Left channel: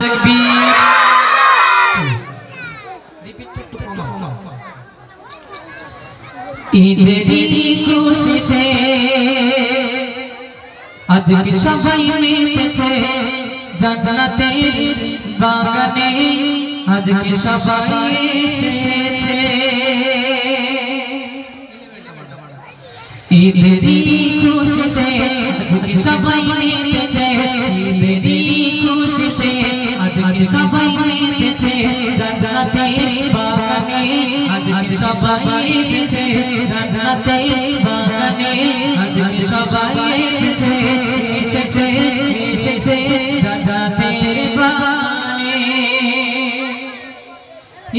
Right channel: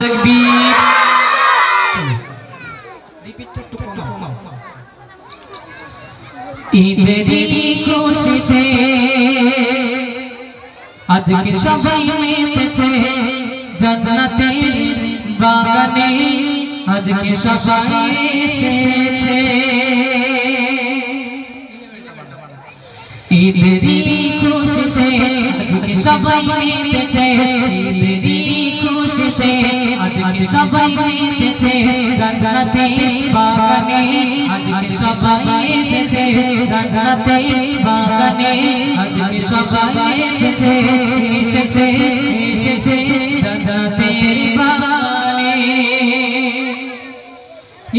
तकबीर ईदेरी खुशीते আজকে সবাই মিলেছে জান্নাতের বাগানে আজকে সবাই এসেছে ঈদেরি খুশিতে আজকে সবাই মিলেছে ঈদেরি খুশিতে আজকে সবাই মিলেছে জান্নাতের বাগানে আজকে সবাই এসেছে জান্নাতের বাগানে আজকে সবাই এসেছে এসেছে এসেছে জান্নাতের বাগানে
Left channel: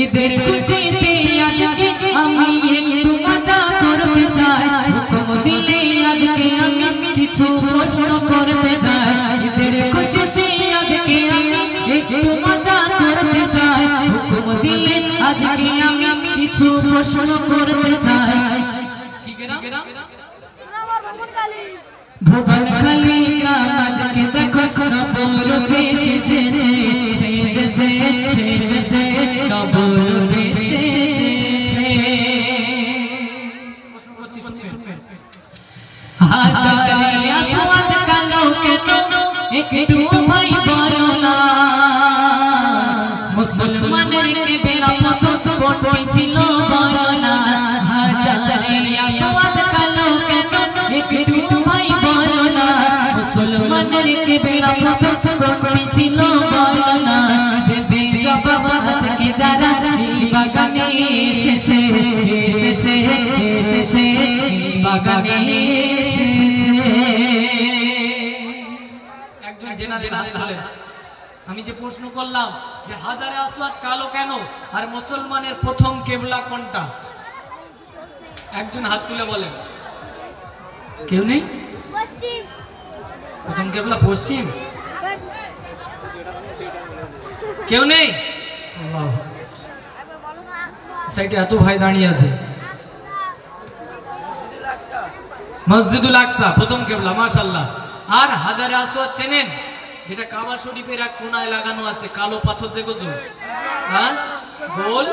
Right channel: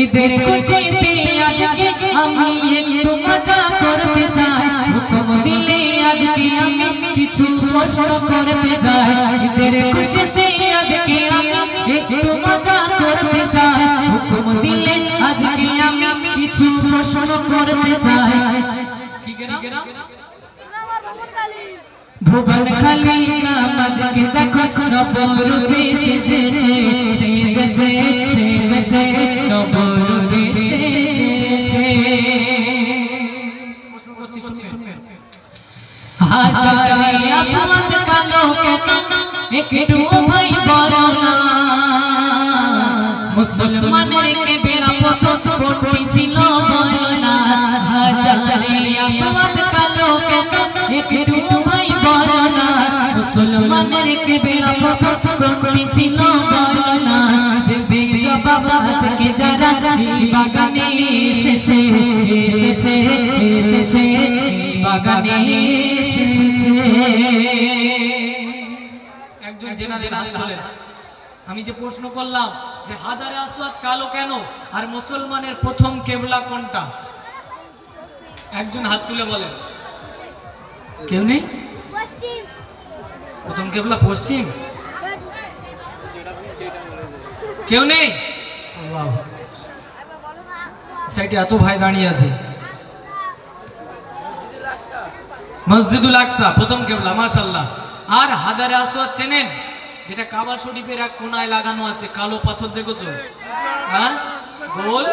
ঈদের খুশিতে আজকে আমি একটু মজা করতে চাই হুকুম দিলে আজকে আমি কিছু প্রশ্ন করতে চাই ঈদের খুশিতে আজকে আমি একটু মজা করতে চাই হুকুম দিলে আজকে আমি কিছু প্রশ্ন করতে চাই কি গেরা ভুবন খালি গ্রাম আজকে দেখো নবরূপে সেজেছে সেজেছে সেজেছে নবরূপে সেজেছে হাজারে আসওয়াদ কালো কেন একটু ভাই বলো না মুসলমানের কে বেরা পথ কোটি ছিল বলো না হাজারে আসওয়াদ কালো কেন একটু ভাই বলো না মুসলমানের কে বেরা পথ কোটি ছিল বলো না যে বেরা বাবা আজকে যারা বাগানে এসেছে এসেছে এসেছে বাগানে এসেছে একজন জেনা জেনা বলে আমি যে প্রশ্ন করলাম যে হাজারে আসওয়াদ কালো কেন আর মুসলমানের প্রথম কিবলা কোনটা একজন হাত তুলে বলেন কেউ নেই পশ্চিম প্রথম কিবলা পশ্চিম কেউ নেই আল্লাহ সাইডে এত ভাই দাঁড়িয়ে আছে মসজিদুল আকসা প্রথম কিবলা মাশাআল্লাহ আর হাজারে আসওয়াদ চেনেন যেটা কাবা শরীফের এক কোণায় লাগানো আছে কালো পাথর দেখেছো হ্যাঁ গোল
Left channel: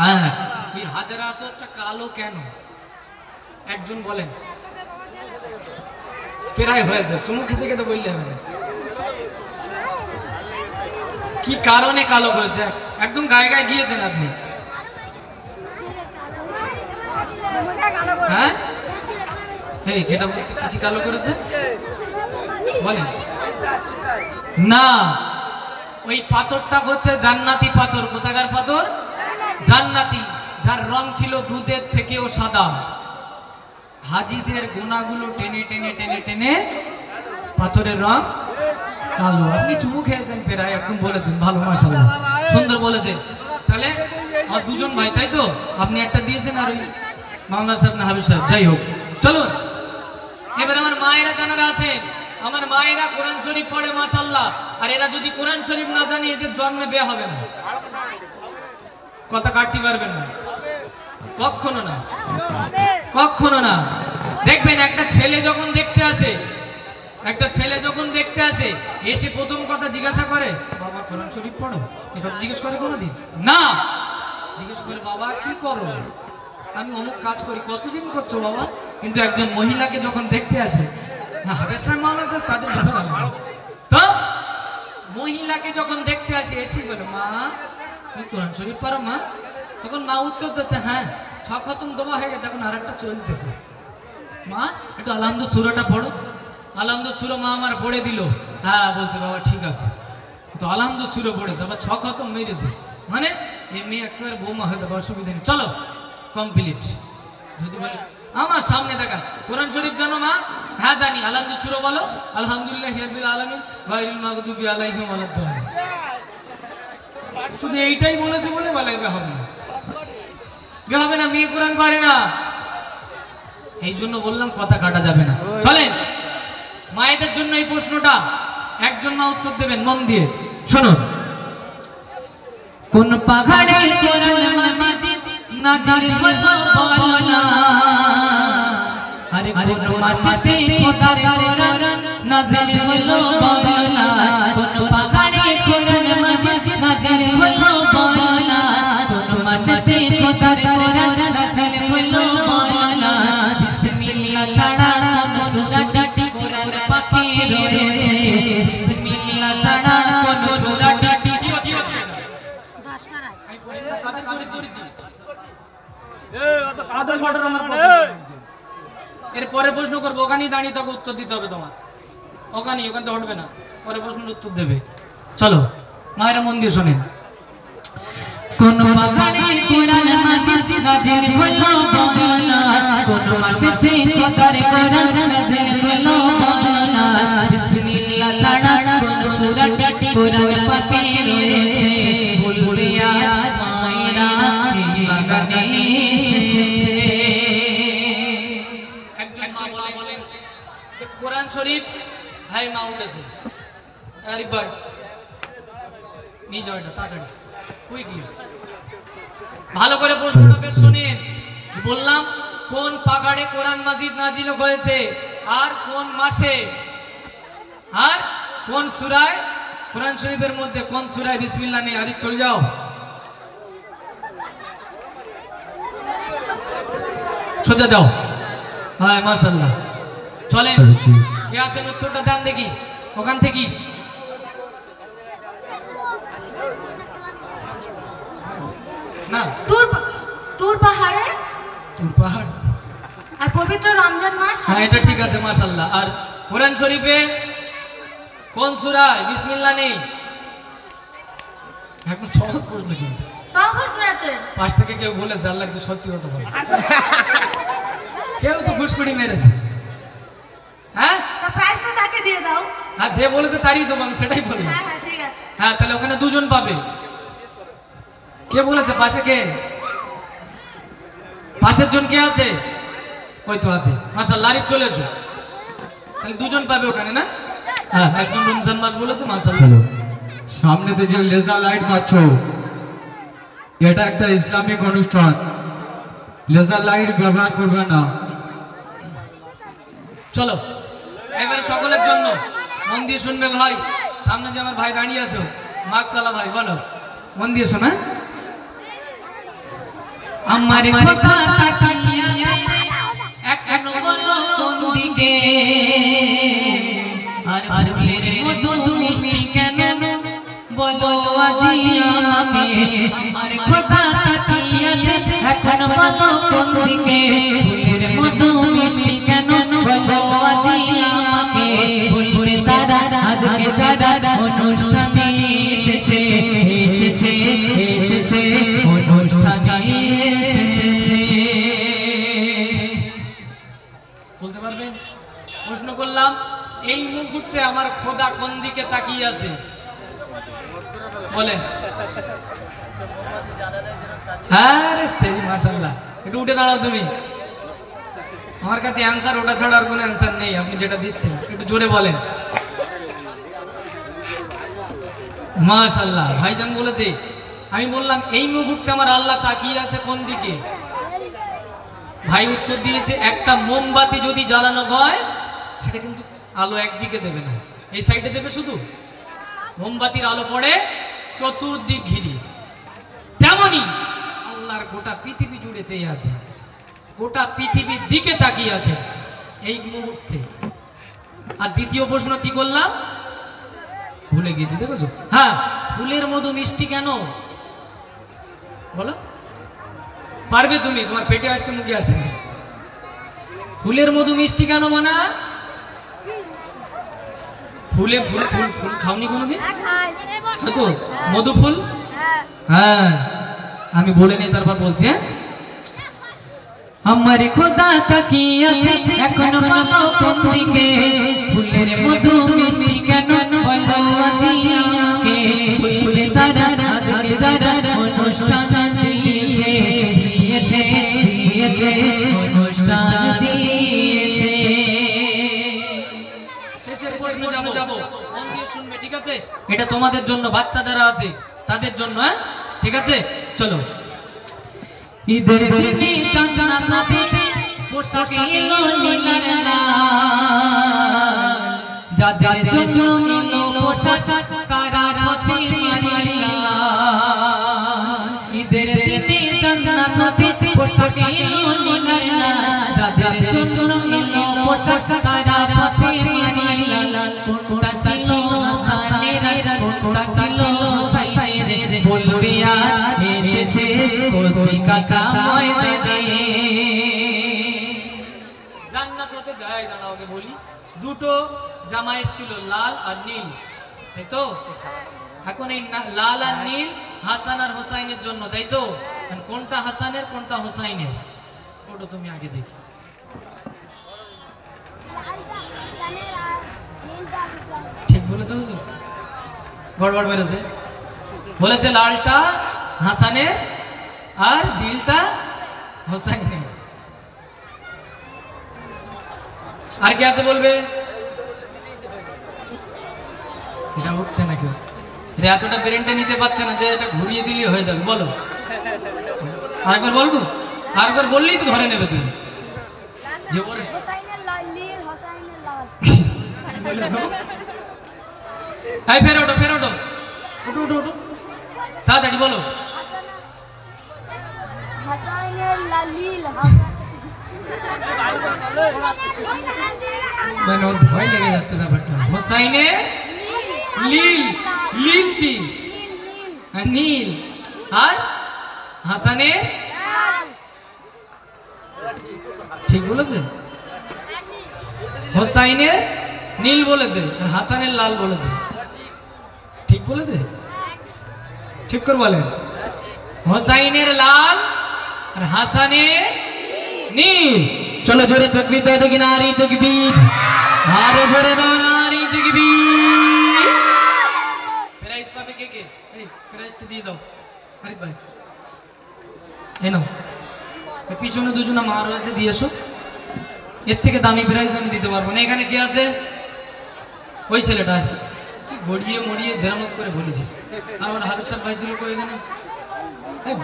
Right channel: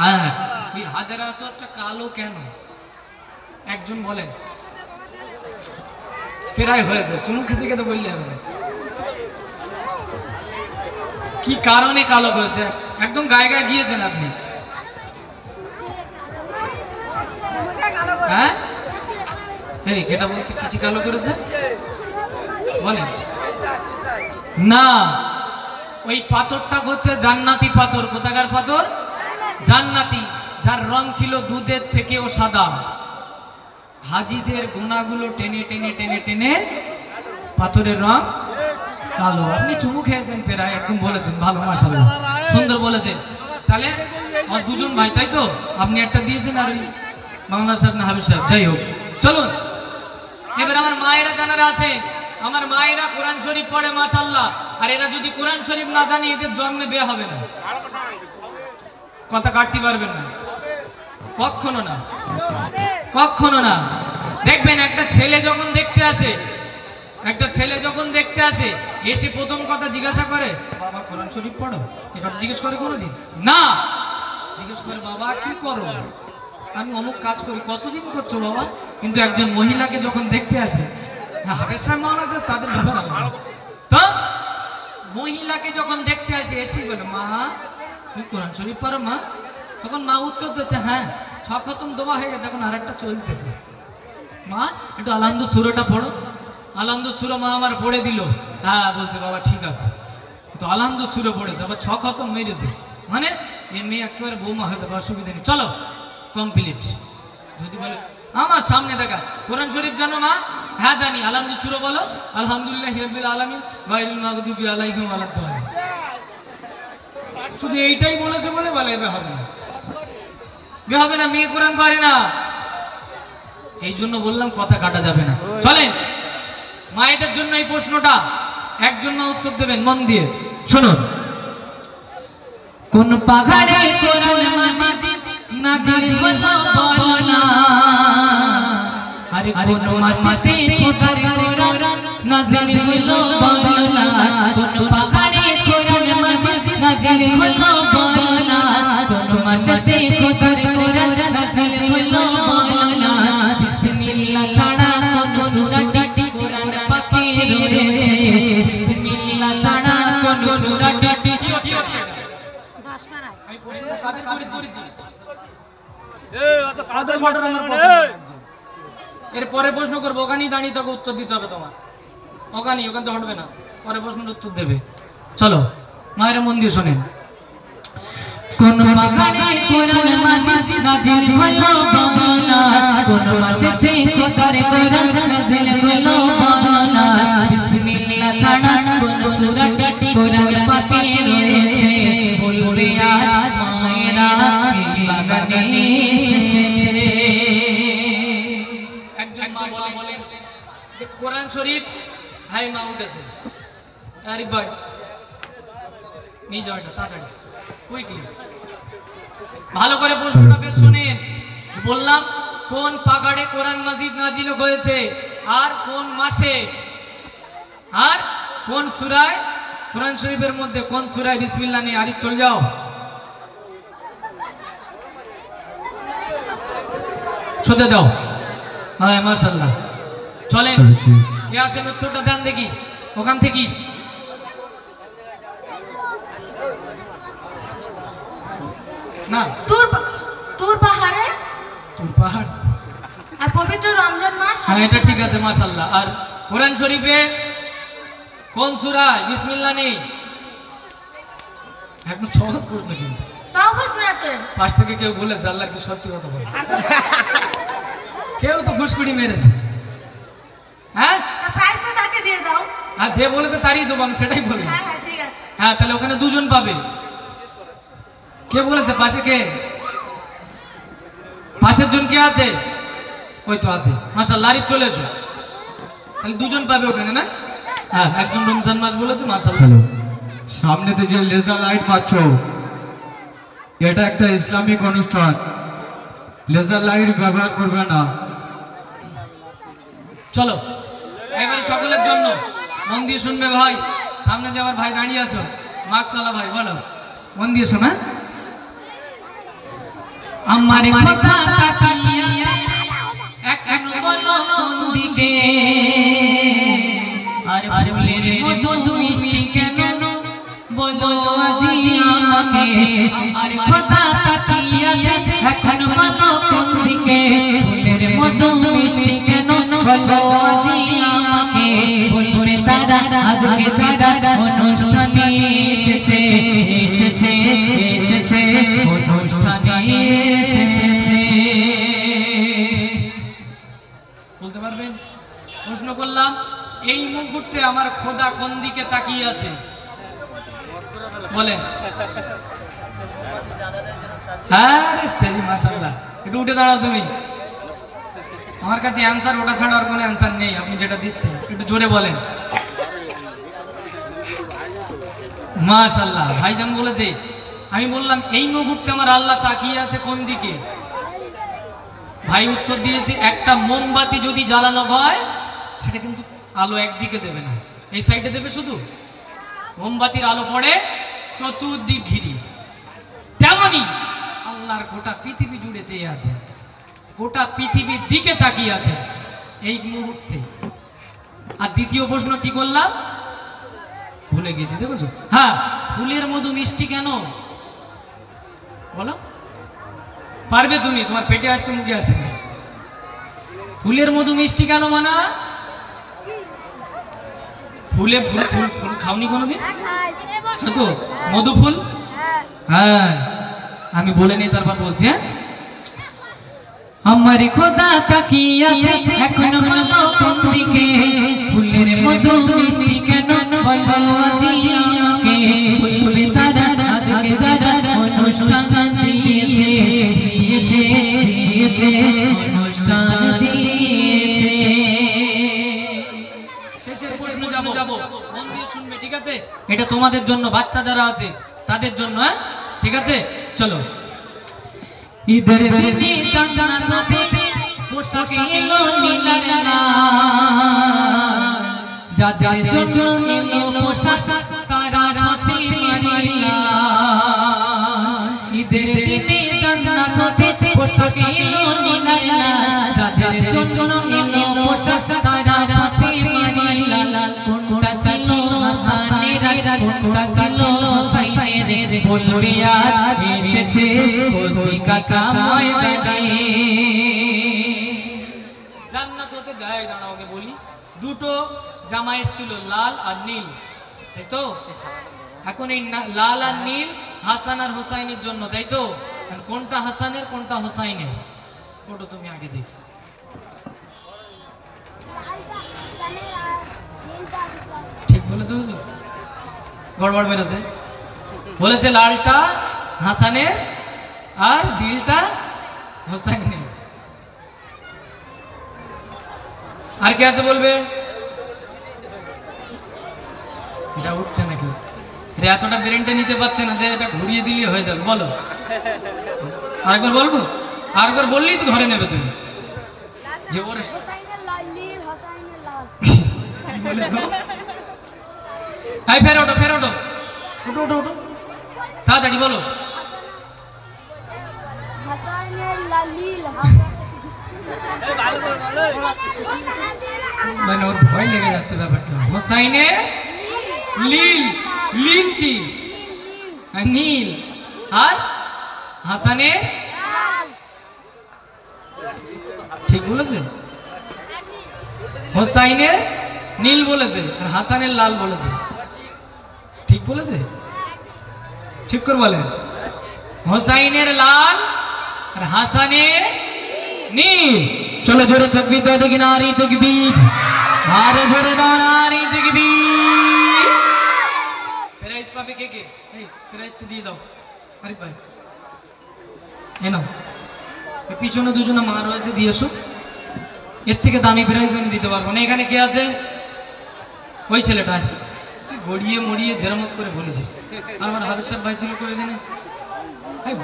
হ্যাঁ এই হাজারে আসওয়াদটা কালো কেন একজন বলেন প্রায় হয়েছে চুমু খেতে খেতে বললে হবে কি কারণে কালো করেছে একদম গায়ে গায়ে গিয়েছেন আপনি হ্যাঁ এই এটা বলতে কিছু কালো করেছে বলেন না ওই পাথরটা হচ্ছে জান্নাতি পাথর কোথাকার পাথর জান্নাতি যার রং ছিল দুধের থেকেও সাদা হাজীদের গুনাহগুলো টেনে টেনে টেনে টেনে পাথরের রং কালো আপনি চুমু খেয়েছেন প্রায় একদম বলেছেন ভালো মাশাআল্লাহ সুন্দর বলেছেন তাহলে আর দুজন ভাই তাই তো আপনি একটা দিয়েছেন আর ওই বাংলা সাহেব না হাবিব সাহেব যাই হোক চলুন এবার আমার মায়েরা জানারা আছে আমার মায়েরা কোরআন শরীফ পড়ে মাশাআল্লাহ আর এরা যদি কোরআন শরীফ না জানে এদের জন্মে বিয়ে হবে না কথা কাটতে পারবেন না কখনো না কখনো না দেখবেন একটা ছেলে যখন দেখতে আসে এসে প্রথম কথা জিজ্ঞাসা করে বাবা কোরআন শরীফ পড়ো এটা জিজ্ঞেস করে কোনোদিন না জিজ্ঞেস করে বাবা কি করো আমি অমুক কাজ করি কতদিন করছো বাবা কিন্তু একজন মহিলাকে যখন দেখতে আসে না হাবেশার মানুষ তাদের ব্যাপার আলাদা তো মহিলাকে যখন দেখতে আসে এসে বলে মা তুমি কোরআন শরীফ পড়ো মা তখন মা উত্তর দিচ্ছে হ্যাঁ 6 খতম দোয়া হয়ে গেছে এখন আরেকটা চলতেছে মা একটু আলহামদু সূরাটা পড়ো আলহামদু সূরা মা আমার পড়ে দিল হ্যাঁ বলছে বাবা ঠিক আছে তো আলহামদু সূরা পড়েছে আবার 6 খতম মেরেছে মানে এই মেয়ে একেবারে বৌমা হয়ে যাবে অসুবিধা নেই চলো কমপ্লিট যদি বলে আমার সামনে দেখা কোরআন শরীফ জানো মা হ্যাঁ জানি আলহামদু সূরা বলো আলহামদুলিল্লাহি রাব্বিল আলামিন গায়রিল মাগদুবি আলাইহিম ওয়ালাদ-দাল্লিন শুধু এইটাই বলেছে বলে বলে হবে না মেয়ে কোরআন পারে না এই জন্য বললাম কথা কাটা যাবে না চলেন মায়েদের জন্য এই প্রশ্নটা একজন মা উত্তর দেবেন মন দিয়ে শুনুন কোন পাহাড়ে কোরআন মাজিদ নাজিল হলো বলো না আরে কোন মাসে খোদার কোরআন নাজিল হলো বলো না কোন পাহাড়ে আমি প্রশ্ন করেছি এরপরে প্রশ্ন করবো, ওখানেই দাঁড়িয়ে তোকে উত্তর দিতে হবে তোমার, ওখানে হটবে না, পরে প্রশ্নের উত্তর দেবে। চলো মায়েরা মন দিয়ে শোনেন। কোন মাঘানে কোরআন মাজিদ নাজিল হলো বাবানা, কোন মাসে খোদার কোরআন নাজিল হলো বাবানা, বিসমিল্লাহ ছাড়া কোন সূরাটি কোরআন পাকে রয়েছে, বলবে আজ মায়েরা বাগানে এসেছে। একজন মা বলে যে কোরআন শরীফ, ভাই মা উঠেছে, আরিফ ভাই নিয়ে যাও এটা তাড়াতাড়ি কুইকলি। ভালো করে প্রশ্নটা বেশ শুনেন। বললাম কোন পাগাড়ে কোরআন মাজিদ নাজিল হয়েছে, আর কোন মাসে, আর কোন সূরায়, কোরআন শরীফের মধ্যে কোন সূরায় বিসমিল্লাহ নেই। আরিফ চলে যাও, সোজা যাও। হ্যাঁ মাশাআল্লাহ, চলেন কে আছেন উত্তরটা দেন দেখি ওখান থেকে। না তুর পাহাড়ে, তুর পাহাড় আর পবিত্র রমজান মাস। হ্যাঁ এটা ঠিক আছে মাশাআল্লাহ। আর কোরআন শরীফে কোন সূরা বিসমিল্লাহ নেই? এখন সহজ প্রশ্ন কিন্তু তাওবা সূরাতে পাশ থেকে কেউ বলেছে আল্লাহর কি সত্যি কথা বলে? কেউ তো ঘুষকুড়ি মেরেছে। হ্যাঁ তো প্রাইসটা তাকে দিয়ে দাও। আর যে বলেছে তারই দেবো, আমি সেটাই বললাম। হ্যাঁ হ্যাঁ ঠিক আছে। হ্যাঁ তাহলে ওখানে দুজন পাবে। কে বলেছে পাশে? কে পাশের জন কে আছে? ওই তো আছে মাশাআল্লাহ। আরিফ চলে এসো, তাহলে দুজন পাবে ওখানে না? হ্যাঁ একজন রমজান মাস বলেছে মাশাআল্লাহ। সামনেতে যে লেজার লাইট মারছো, এটা একটা ইসলামিক অনুষ্ঠান, লেজার লাইট ব্যবহার করবে না। চলো এবার সকলের জন্য মন দিয়ে শুনবে ভাই। সামনে যে আমার ভাই দাঁড়িয়ে আছো মাকসালা ভাই, বলো মন দিয়ে শোনা। আমার কথা তাকিয়ে এক বলো কোন দিকে, আর ফুলের মধু মিষ্টি কেন বলো আজি আমাকে। আমার কথা তাকিয়ে এখন বলো কোন দিকে, ফুলের মধু মিষ্টি কেন বলো আজি আমাকে। বলবে দাদা আজকে দাদা অনুষ্ঠানে এসেছে, এসেছে এসেছে অনুষ্ঠানে এসেছে। বলতে পারবেন? প্রশ্ন করলাম এই মুহূর্তে আমার খোদা কোন দিকে তাকিয়ে আছে বলেন? আরে তেরি মাশাআল্লাহ, একটু উঠে দাঁড়াও তুমি। আমার কাছে অ্যানসার ওটা ছাড়া আর কোনো অ্যানসার নেই, আপনি যেটা দিচ্ছেন একটু জোরে বলেন। মাশাআল্লাহ ভাইজান বলেছে। আমি বললাম এই মুহূর্তে আমার আল্লাহ তাকিয়ে আছে কোন দিকে? ভাই উত্তর দিয়েছে একটা মোমবাতি যদি জ্বালানো হয় সেটা কিন্তু আলো একদিকে দেবে না, এই সাইডে দেবে শুধু। মোমবাতির আলো পড়ে চতুর্দিক ঘিরে, তেমনি আল্লাহর গোটা পৃথিবী জুড়ে চেয়ে আছে, গোটা পৃথিবীর দিকে তাকিয়ে আছে এই মুহূর্তে। আর দ্বিতীয় প্রশ্ন কি করলাম ভুলে গেছি, দেখো। হ্যাঁ ফুলের মধু মিষ্টি কেন বলো? পারবে তুমি, তোমার পেটে আসছে মুখে আসছে না। ফুলের মধু মিষ্টি কেন মানে? ফুলে ফুল ফুল ফুল খাওনি কোনোদিন? তো মধু ফুল, হ্যাঁ আমি বলে নি তারপর বলছি। হ্যাঁ আমার খোদা তাকিয়ে আছে এখন বলো কোন দিকে, ফুলের মধু মিষ্টি কেন বলো আজি আমাকে। ফুলে তারা আজকে যারা অনুষ্ঠান দিয়েছে, দিয়েছে দিয়েছে অনুষ্ঠান দিয়েছে। শেষের প্রশ্ন যাবো, মন দিয়ে শুনবে ঠিক আছে? এটা তোমাদের জন্য, বাচ্চা যারা আছে তাদের জন্য। হ্যাঁ ঠিক আছে চলো। ঈদের দিনে চাঁদরাতে পোশাক এলো নীলার লাল, যাদের জন্য এলো পোশাক কারাতে মারিলা। ঈদের দিনে চাঁদরাতে পোশাক এলো নীলার লাল, যাদের জন্য এলো পোশাক কারাতে মারিলা। কোনটা ছিল হাসানের, কোনটা ছিল হুসাইনের, বলবে আজ এসেছে কচি কাঁচা ময়দানে। জান্নাত হতে যায়, দাঁড়াও আগে বলি, দুটো জামা এসেছিল, লাল আর নীল, তাই তো? এখন এই লাল আর নীল হাসান আর হোসাইনের জন্য, তাই তো? কোনটা হাসানের কোনটা হোসাইনের? ওটা তুমি আগে দেখি। ঠিক বলেছো? গড়বড় মেরেছে, বলেছে লালটা হাসানের আর নীলটা হোসাইনের। আর কি আছে বলবে? এটা উঠছে না কেউ, এতটা ব্রেনটা নিতে পারছে না যে এটা ঘুরিয়ে দিলে হয়ে যাবে। বলো আরেকবার, বলবো আরেকবার, বললেই তো ধরে নেবে তুমি যে ওর ফের ওঠো, ফের ওঠো, ওঠো ওঠো ওঠো, তাড়াতাড়ি বলো। ওর ভয় লেগে যাচ্ছে ব্যাপারটা। হোসাইনের লীল, লীল কি? নীল। আর হাসানের, ঠিক বলেছে? হোসাইনের নীল বলেছে, হাসানের লাল বলেছে, ঠিক বলেছে? ঠিক করে বলেন, হোসাইনের লাল আর হাসানের নীল। চলো জোরে তাকবীর দাও দেখি, নারী তাকবীর, আরে জোরে দাও নারী তাকবীর। প্রাইজ পাবে কে কে? এই প্রাইজটা দিয়ে দাও আরে ভাই, এই নাও। পিছনে দুজনে মা রয়েছে, দিয়ে এসো। এর থেকে দামি প্রাইজ আমি দিতে পারবো না। এখানে কে আছে? ওই ছেলেটা, তুই গড়িয়ে মরিয়ে জেরামত করে বলেছি। আর আমার হারুর সাহেব ভাই ছিল করে এখানে,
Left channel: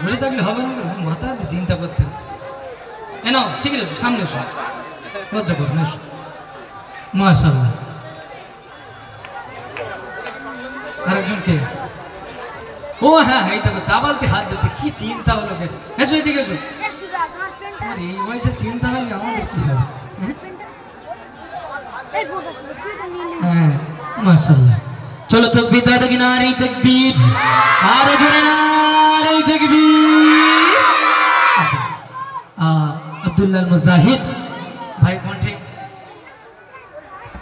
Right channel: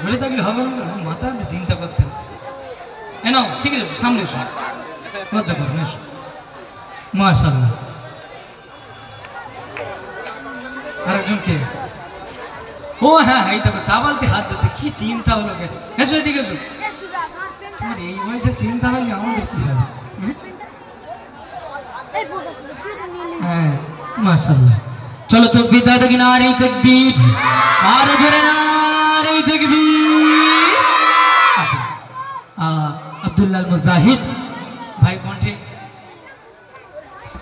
ঘুরে থাকলে হবে, মাথা চিন্তা করতে। নাও শিখে এসো, সামনে এসো, লজ্জা করো না, এসো। মাশাআল্লাহ। আর একজন কে? ও হ্যাঁ হ্যাঁ, এটা চাবালতে হাত দিচ্ছে, কি চিন্তা হলো। এসো এদিকে এসো। এই বয়সে চিন্তা হলে আমাদের কি হবে? হ্যাঁ মাশাআল্লাহ। চলো তাকবীর দাও দেখি, নারী তাকবীর, আরে জোরে নারী তাকবীর। আব্দুল্লাহ মুজাহিদ ভাই কণ্ঠে